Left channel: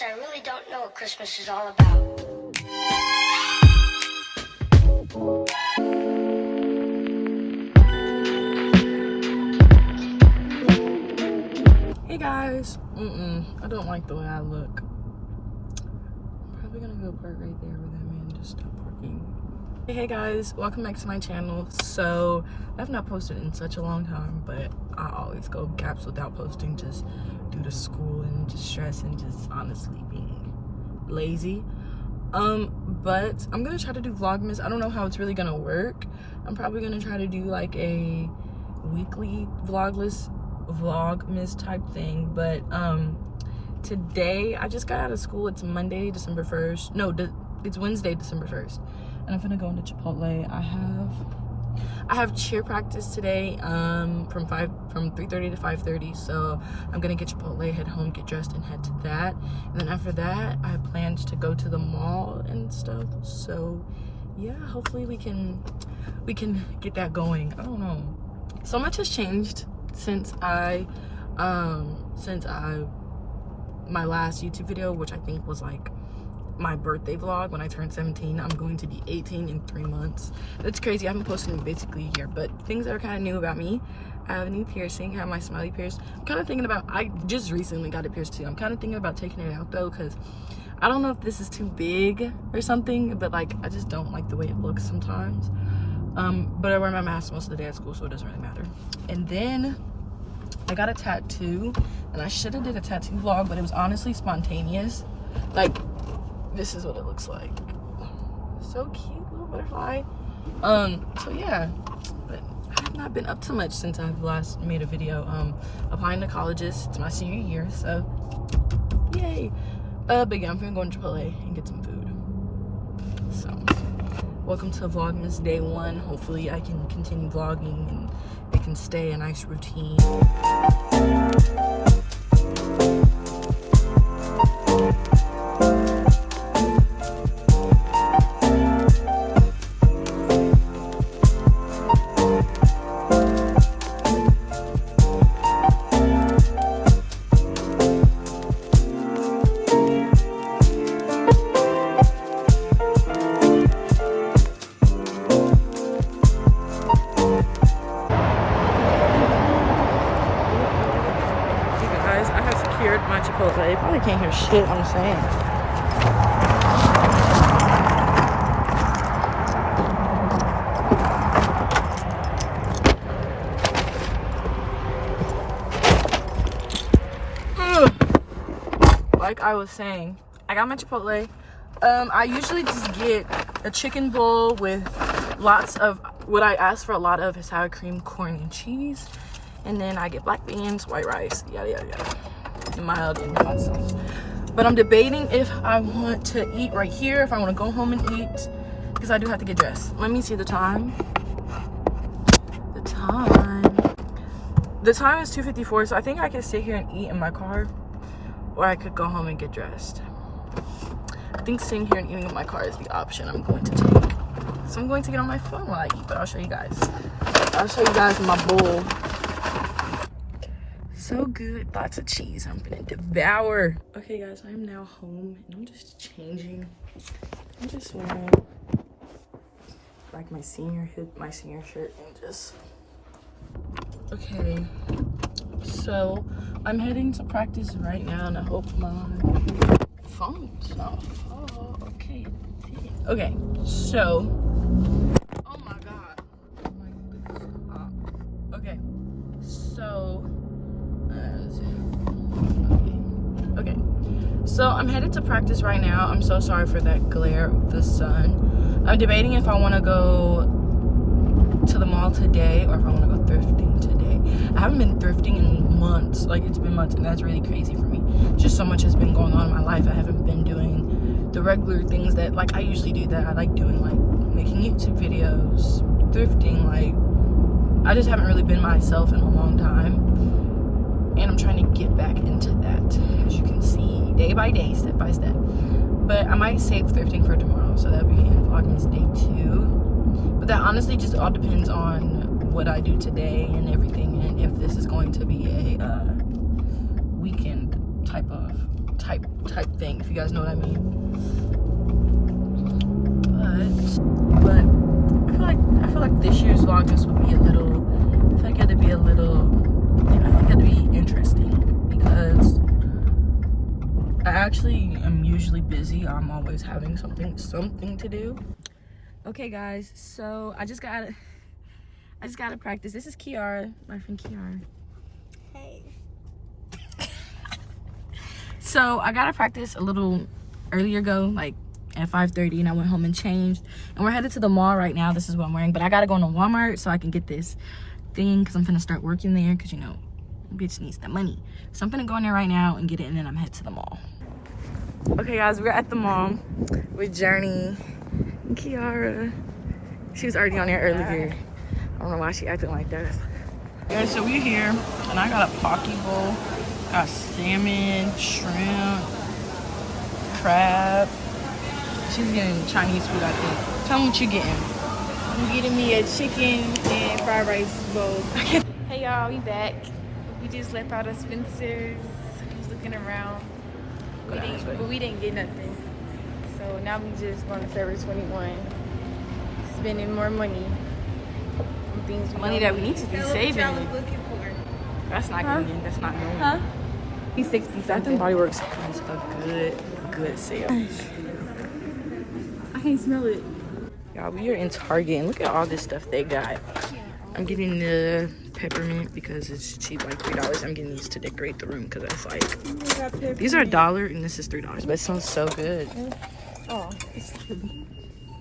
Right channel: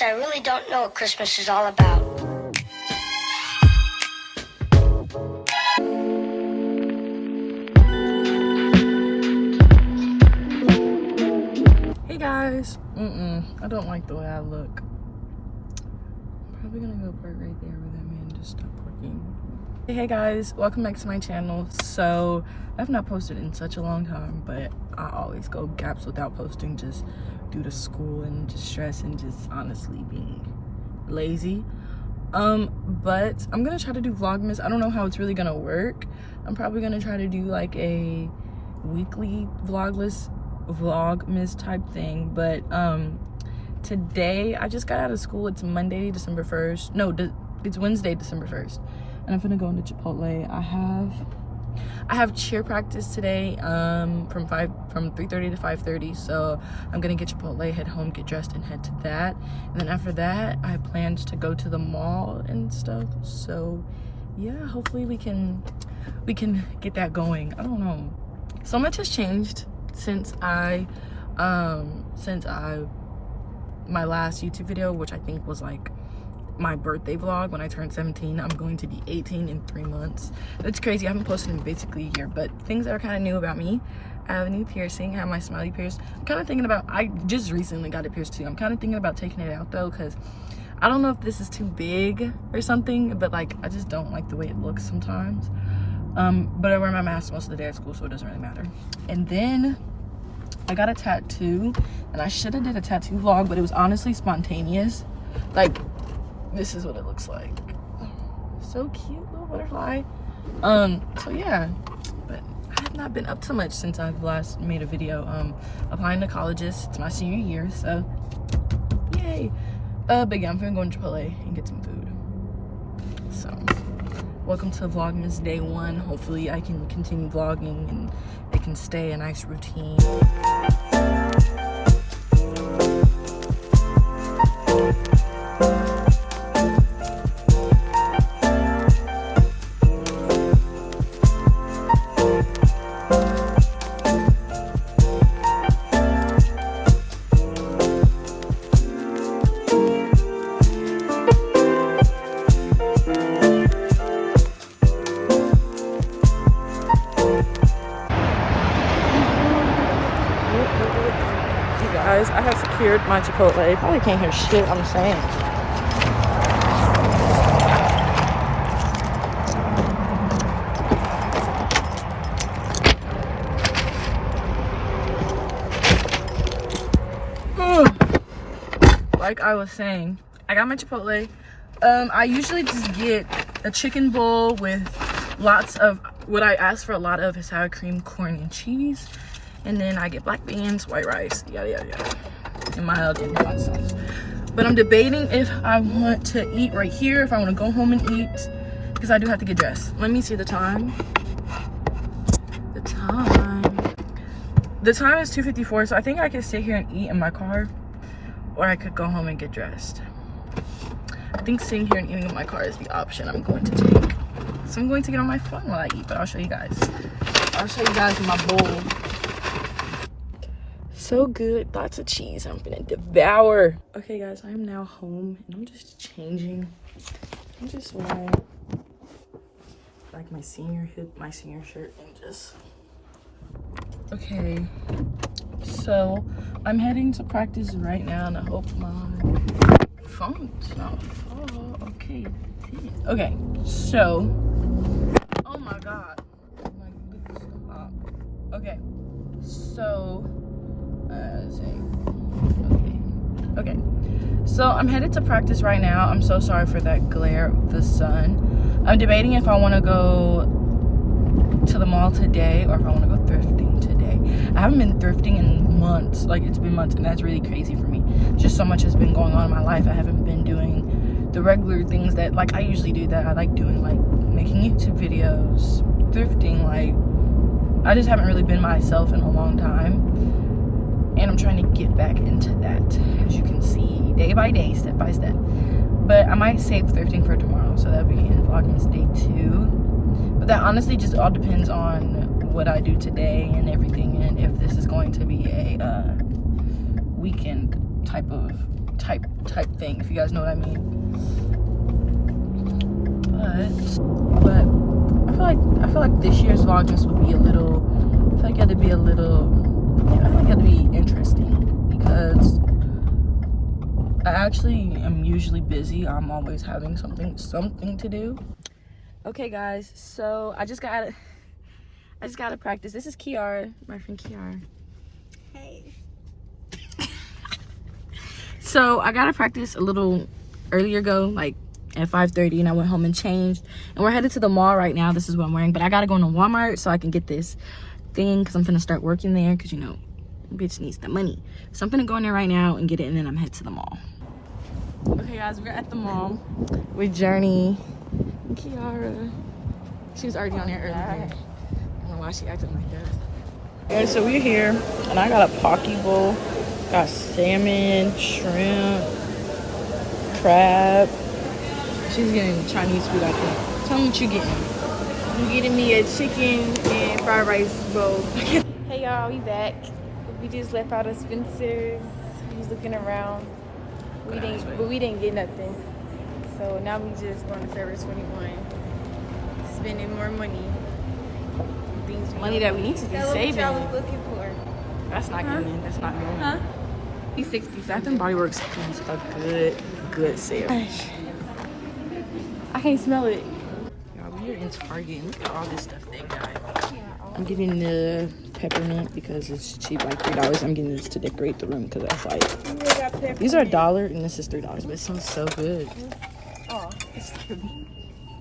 honest, I really don't know what Christmas is all about. Hey guys, I don't like the way I look. I'm probably gonna go park right there with them and just stop parking. Hey guys, welcome back to my channel. So I've not posted in such a long time, but I always go gaps without posting just due to school and just stress and just honestly being lazy. But I'm gonna try to do Vlogmas. I don't know how it's really gonna work. I'm probably gonna try to do like a weekly Vlogmas type thing, but today I just got out of school. It's Monday, December 1st. No, it's Wednesday, December 1st, and I'm gonna go into Chipotle. I have cheer practice today from 3:30 to 5:30, so I'm gonna get Chipotle, head home, get dressed, and head to that. And then after that, I planned to go to the mall and stuff. So yeah, hopefully we can get that going. I don't know, so much has changed since my last YouTube video, which I think was like my birthday vlog when I turned 17. I'm going to be 18 in 3 months. It's crazy. I haven't posted in basically a year, but things that are kind of new about me. I have a new piercing. I have my smiley pierced. I'm kind of thinking about, I just recently got it pierced too. I'm kind of thinking about taking it out though, because I don't know if this is too big or something, but like I just don't like the way it looks sometimes. But I wear my mask most of the day at school, so it doesn't really matter. And then I got a tattoo, and I should have did a tattoo vlog, but it was honestly spontaneous. Like, this is what it looks like. So cute, little butterfly. So yeah, but I have not been up to much since I've last made a video. Applying to colleges. It's my senior year, so yay. But yeah, I'm gonna go to Chipotle and get some food. So welcome to Vlogmas day 1. Hopefully I can continue vlogging and it can stay a nice routine. Guys, I have secured my Chipotle. You probably can't hear shit I'm saying. Like I was saying, I got my Chipotle. I usually just get a chicken bowl with lots of, what I ask for a lot of is sour cream, corn, and cheese. And then I get black beans, white rice, yada yada yada, and mild in hot sauce. But I'm debating if I want to eat right here, if I want to go home and eat, because I do have to get dressed. Let me see the time. The time is 2:54, so I think I can sit here and eat in my car, or I could go home and get dressed. I think sitting here and eating in my car is the option I'm going to take. So I'm going to get on my phone while I eat, but I'll show you guys. I'll show you guys my bowl. So good, lots of cheese. I'm gonna devour. Okay guys, I am now home and I'm just changing. I'm just wearing like my senior shirt and just, okay. So I'm heading to practice right now and I hope my phone does not fall. Okay, okay, so, oh my God. Oh my goodness, stop. Okay, so, okay, so I'm headed to practice right now. I'm so sorry for that glare of the sun. I'm debating if I want to go to the mall today or if I want to go thrifting today. I haven't been thrifting in months. Like, it's been months, and that's really crazy for me. Just so much has been going on in my life. I haven't been doing the regular things that, like, I usually do that I like doing, like making YouTube videos, thrifting. Like, I just haven't really been myself in a long time. And I'm trying to get back into that, as you can see, day by day, step by step. But I might save thrifting for tomorrow, so that'll be in Vlogmas day 2. But that honestly just all depends on what I do today and everything, and if this is going to be a weekend type type thing, if you guys know what I mean. But I feel like this year's Vlogmas would be a little. I feel like it had to be a little. I think it had to be interesting because I actually am usually busy. I'm always having something to do. Okay, guys. So I just gotta practice. This is Kiara, my friend Kiara. Hey. So I gotta practice a little earlier ago, like at 5:30, and I went home and changed. And we're headed to the mall right now. This is what I'm wearing, but I gotta go into Walmart so I can get this thing because I'm gonna start working there because, you know, bitch needs the money. So I'm gonna go in there right now and get it, and then I'm headed to the mall. Okay, guys, we're at the mall with Journey and Kiara. She was already on there earlier. I don't know why she acting like that. And so we're here, and I got a poke bowl. Got salmon, shrimp, crab. She's getting Chinese food, I think. Tell me what you're getting. I'm getting me a chicken and fried rice bowl. Hey y'all, we back. We just left out of Spencer's. We was looking around. We didn't get nothing. So now we just going to Forever 21. Spending more money. On things Money that we need to be saving. Looking for. That's not good. That's not normal. Huh? He's 60. Bath and Body Works has a good sale. I can't smell it. Y'all, we are in Target and look at all this stuff they got. I'm getting the peppermint because it's cheap, like $3. I'm getting this to decorate the room because that's like, these are $1 and this is $3, but it smells so good. Oh,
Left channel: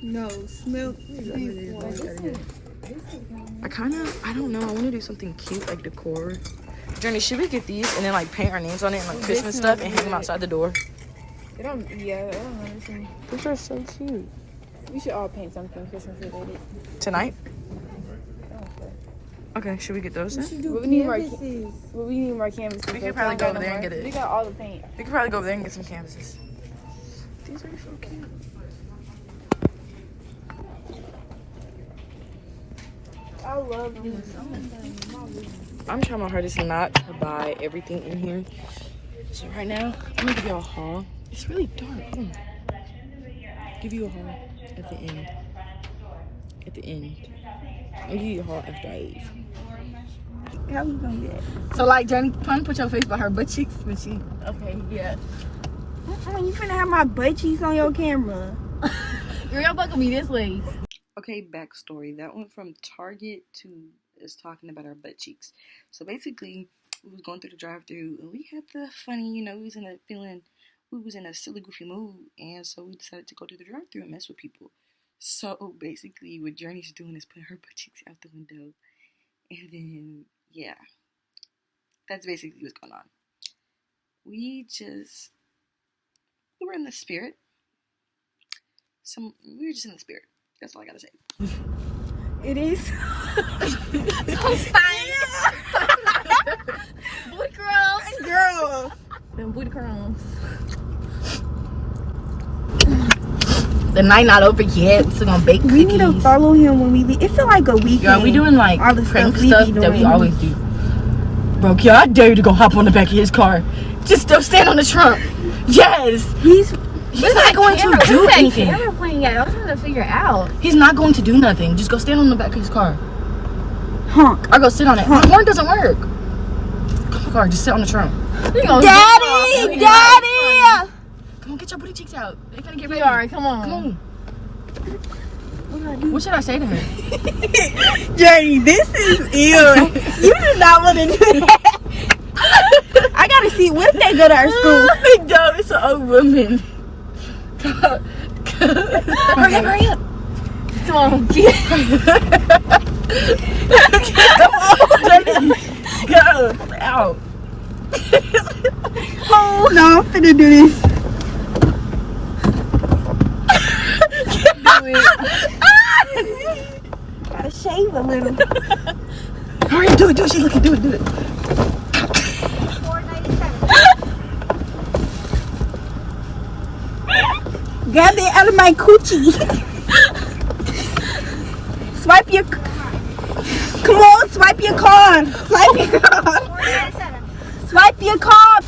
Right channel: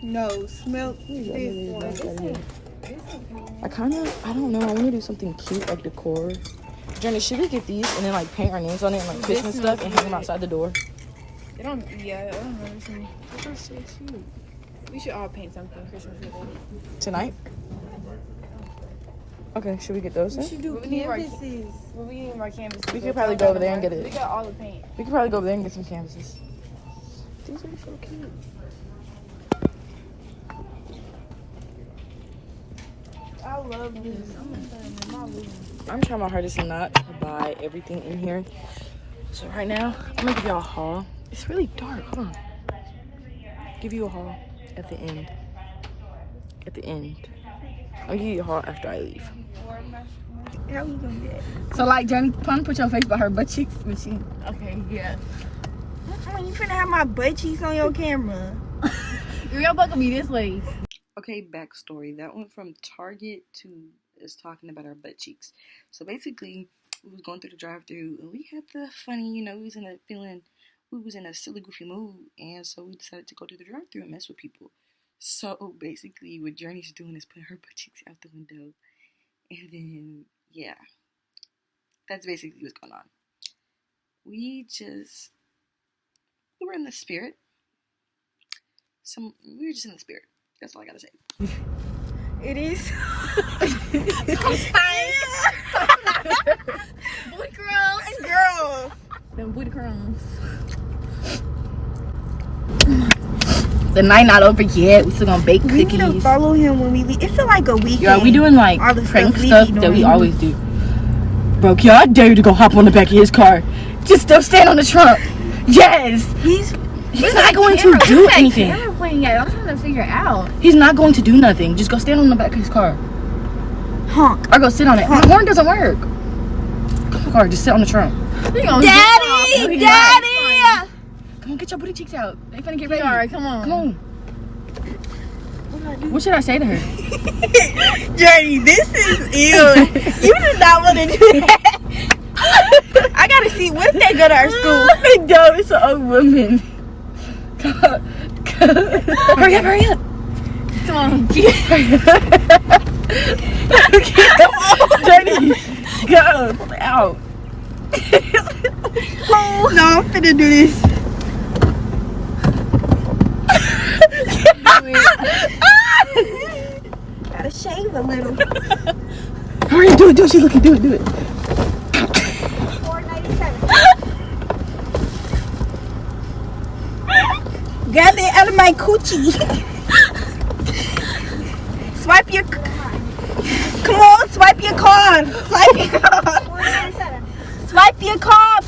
no, smell this one. I don't know, I want to do something cute like decor. Journey, should we get these and then like paint our names on it and like Christmas stuff and hang them outside the door? I don't understand. These are so cute. We should all paint something Christmas related. Tonight? Okay, should we get those then? We should do canvases. Well, we need more canvases. We could probably go over there and get it. We got all the paint. We could probably go over there and get some canvases. These are so cute. I love these. I'm trying my hardest not to buy everything in here. So right now, I'm gonna give y'all a haul. It's really dark, hold on. Give you a haul at the end. At the end. I'll give you a haul after I leave. How we gonna get it? So like, Johnny, put your face by her butt cheeks, but she, Okay, yeah. You finna have my butt cheeks on your camera. Girl, y'all buckle me this way. Okay, backstory. That went from Target to is talking about our butt cheeks. So basically, we was going through the drive-thru and we had the funny, you know, we was in a silly, goofy mood, and so we decided to go to the drive-thru and mess with people. So basically, what Journey's doing is putting her butt cheeks out the window, and then yeah, that's basically what's going on. We were in the spirit. We were just in the spirit. That's all I gotta say. It is. Booty crumbs. Girl. Them booty crumbs. The night not over yet. We're gonna bake cookies. We need to follow him when we leave. It feel like a weekend. Yeah, we doing like all the prank stuff that we always do. Bro, I dare you to go hop on the back of his car. Just still stand on the trunk. Yes. He's not going to do anything. I'm pointing at. I'm trying to figure out. He's not going to do nothing. Just go stand on the back of his car. Honk. Or go sit on it. The horn doesn't work. Car, just sit on the trunk. Daddy! Daddy! Come on, get your booty cheeks out. They finna get ready. Alright, come on. Come on. What should I say to her? Journey, this is ill. You did not want to do that. I gotta see, what if they go to our school? No, it's an old woman. Hurry up. Come on. Journey, go. Pull it out. Oh, no, I'm finna do this. Do it. Gotta shave a little. Hurry up, do it. She's looking, do it. Grab it out of my coochie. Swipe your. Come on, swipe your card. Swipe your card. Swipe your card.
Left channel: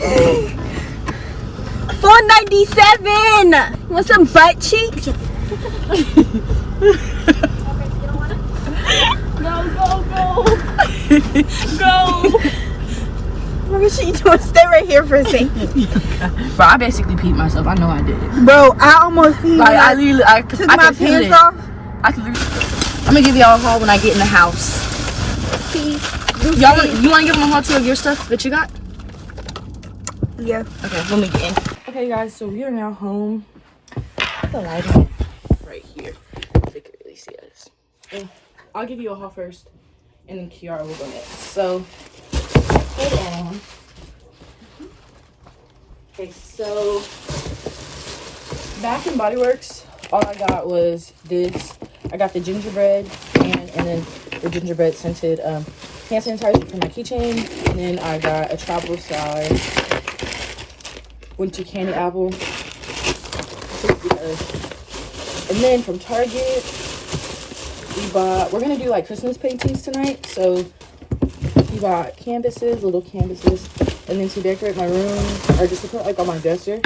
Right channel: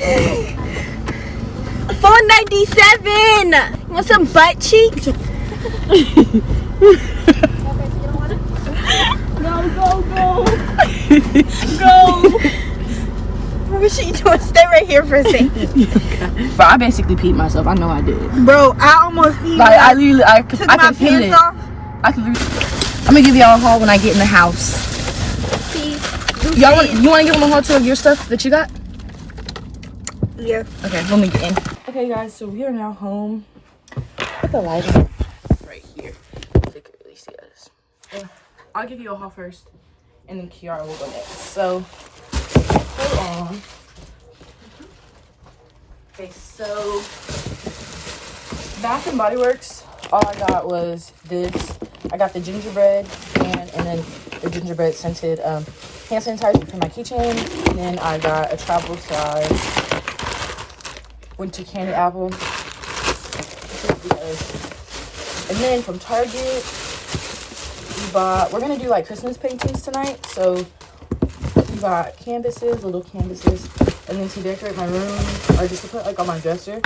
$4.97. Want some butt cheeks? Go. What she doing? Stay right here for a second. But I basically peed myself. I know I did. Bro, I almost peed. Like, I literally, I could took my feel pants it. off. I'm gonna give y'all a haul when I get in the house. You want to give them a haul to your stuff that you got? Yeah. Okay, let me get in. Okay, guys, so we are now home. Put the light on right here. They could really see us. I'll give you a haul first, and then Kiara will go next. So, hold on. Okay, so Bath and Body Works. All I got was this. I got the gingerbread and then the gingerbread scented hand sanitizer for my keychain. And then I got a travel size winter candy apple. And then from Target, we're gonna do like Christmas paintings tonight. So we got canvases, little canvases, and then to decorate my room or just to put like on my dresser,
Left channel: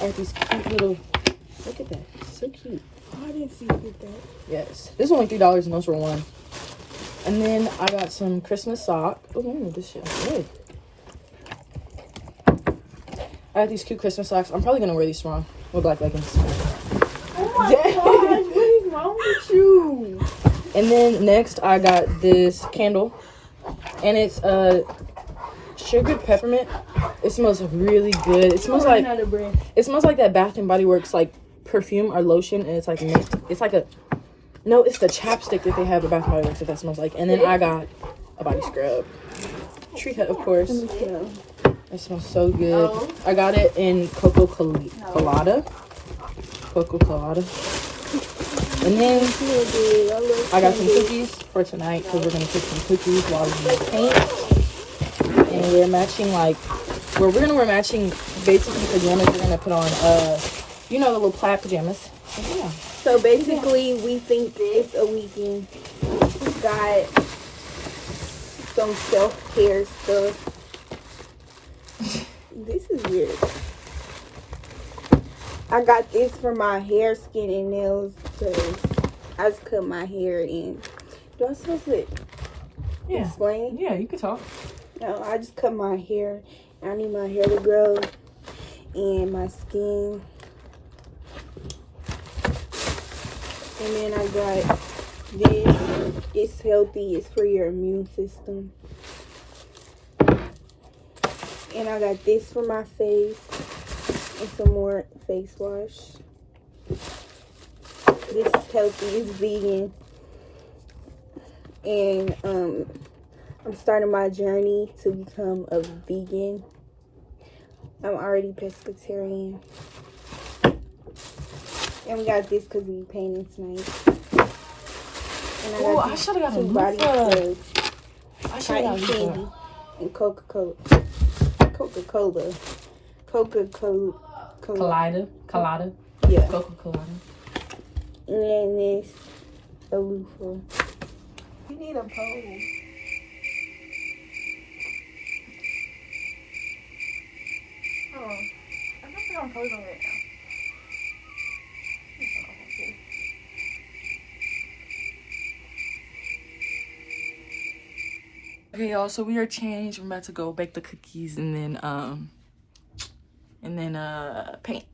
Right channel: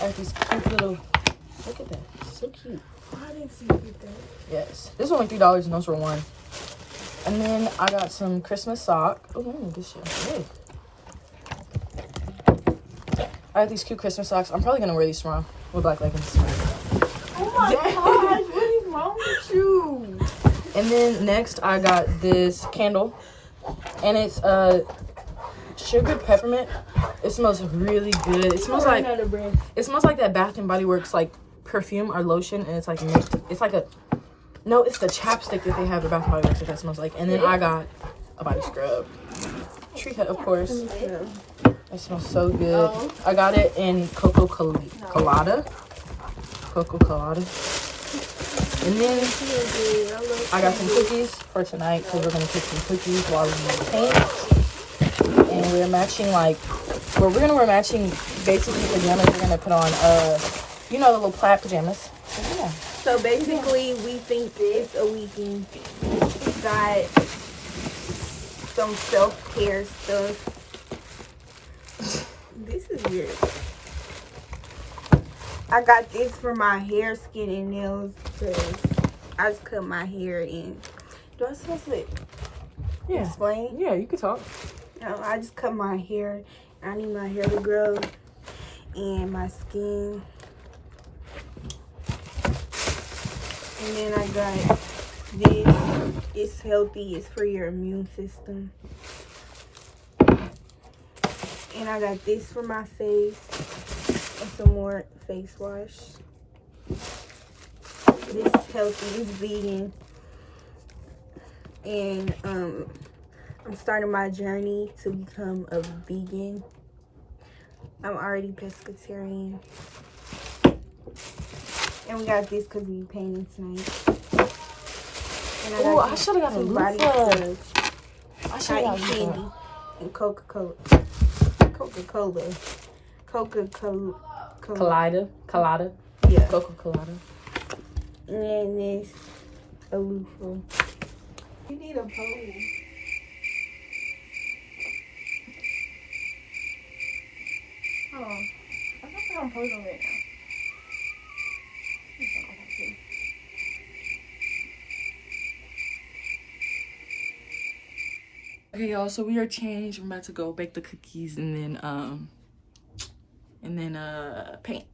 I have these cute little. Look at that, it's so cute. I didn't see you get that. Yes, this is only $3 and those were $1. And then I got some Christmas sock. Oh, let me move this shit. Good. I got these cute Christmas socks. I'm probably gonna wear these tomorrow with black leggings. Oh my gosh, what is wrong with you? And then next I got this candle, and it's sugared peppermint. It smells really good. It smells like that Bath and Body Works like perfume or lotion, and it's like mixed. It's like it's the chapstick that they have at Bath and Body Works that smells like. And then I got a body scrub, Tree Hut, of course. It smells so good. I got it in Cocoa Colada. And then I got some cookies for tonight because we're gonna cook some cookies while we paint. And we're matching we're gonna wear matching basically pajamas. We're gonna put on the little plaid pajamas. So, yeah. So basically, we think it's a weekend. We got some self-care stuff. This is weird. I got this for my hair, skin, and nails because I just cut my hair in. Do I supposed to explain? Yeah, you can talk. No, I just cut my hair. I need my hair to grow and my skin. And then I got this. It's healthy. It's for your immune system. And I got this for my face. And some more face wash. This is healthy. It's vegan. And I'm starting my journey to become a vegan. I'm already pescatarian. And we got this because we painting tonight. And I got these two body scrubs. Cotton candy and Coca-Cola. Colada. Yeah. Coca-Cola. And then this a loofah. We need a pole. Hold on. I don't think I'm posing right now. Okay, y'all, so we are changed. We're about to go bake the cookies and then paint.